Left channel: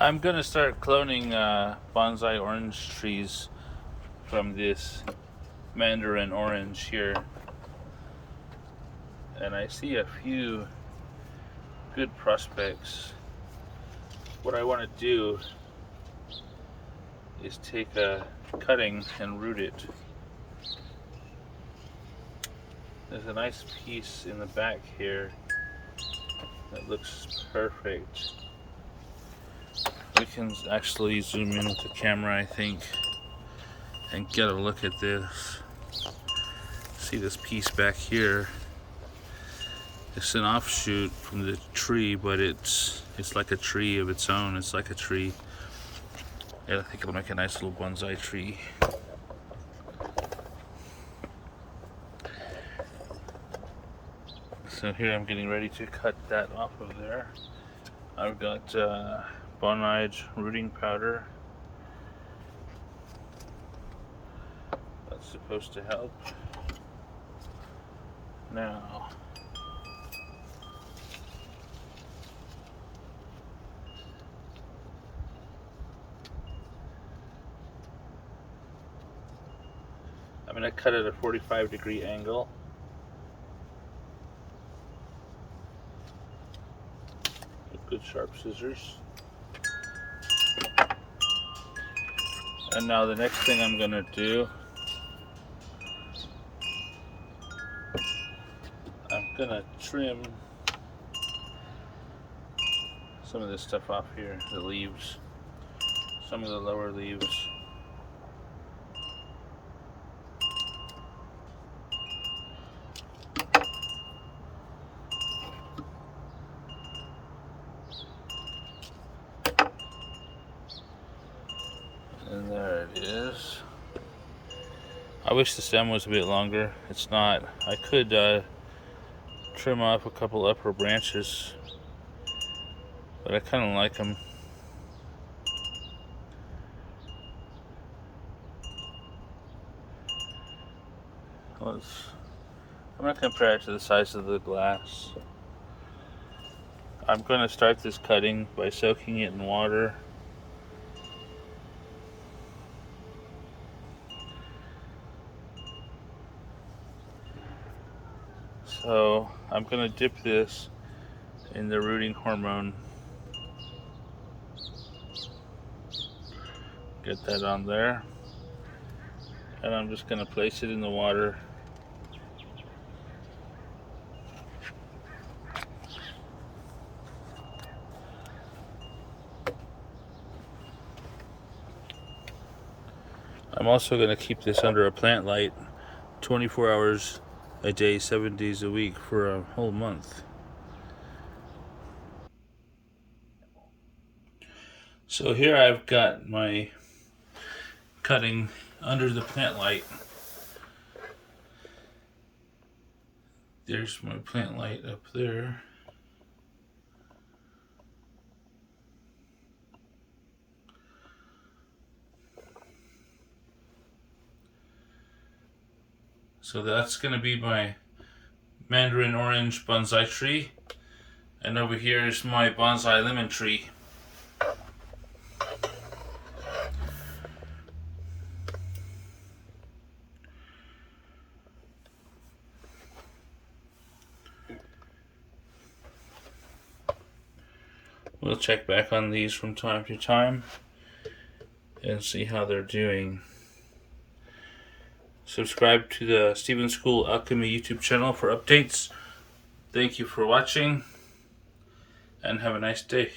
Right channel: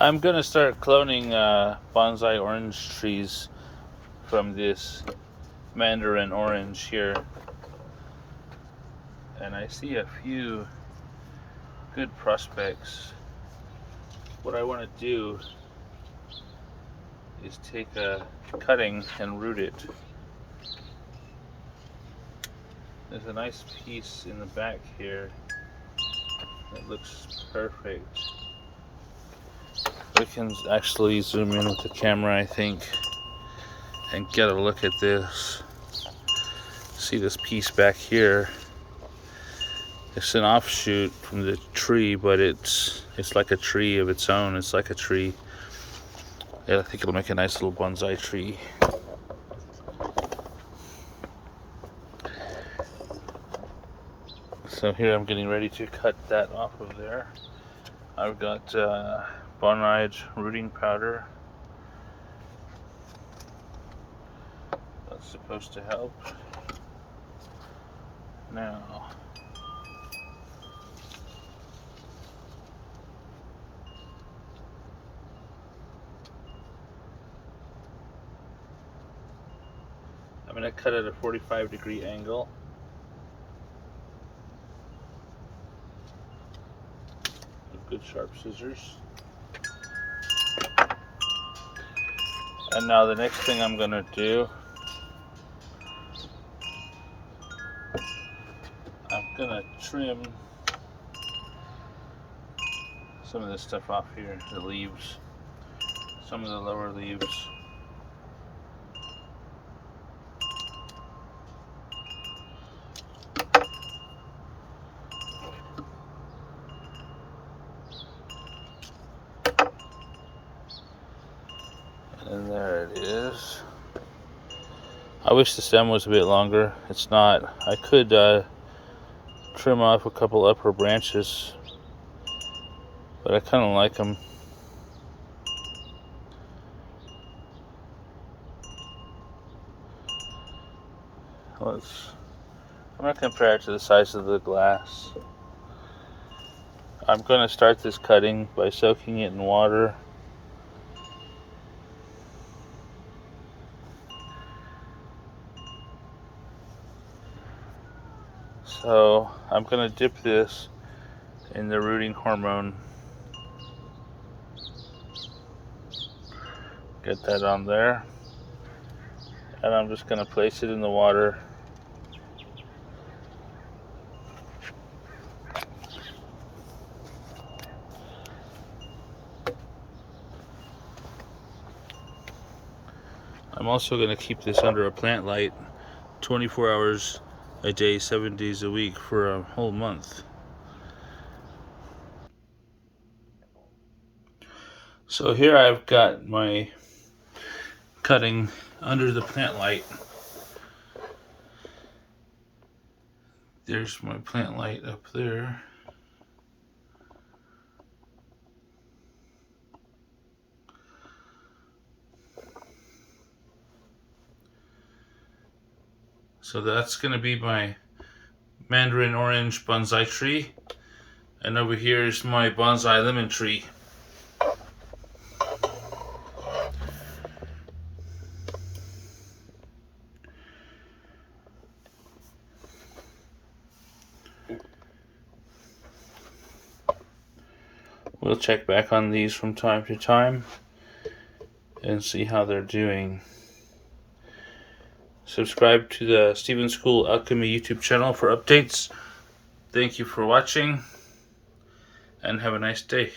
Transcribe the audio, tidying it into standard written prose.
I'm gonna start cloning bonsai orange trees from this Mandarin orange here, and I see a few good prospects. What I want to do is take a cutting and root it. There's a nice piece in the back here that looks perfect. We can actually zoom in with the camera, I think, and get a look at this. See this piece back here? It's an offshoot from the tree, but it's like a tree of its own. It's like a tree. Yeah, I think it'll make a nice little bonsai tree. So here I'm getting ready to cut that off of there. I've got Bonsai rooting powder. That's supposed to help. Now, I'm going to cut at a 45-degree angle. With good sharp scissors. And now the next thing I'm going to do, I'm going to trim some of this stuff off here, the leaves, some of the lower leaves. And there it is. I wish the stem was a bit longer. It's not. I could trim off a couple upper branches, but I kind of like them. I'm going to compare it to the size of the glass. I'm going to start this cutting by soaking it in water. So I'm going to dip this in the rooting hormone. Get that on there. And I'm just going to place it in the water. I'm also going to keep this under a plant light 24 hours a day, 7 days a week for a whole month. So here I've got my cutting under the plant light. There's my plant light up there. So that's going to be my Mandarin orange bonsai tree. And over here is my bonsai lemon tree. We'll check back on these from time to time and see how they're doing. Subscribe to the Stephen School Alchemy YouTube channel for updates. Thank you for watching, and have a nice day.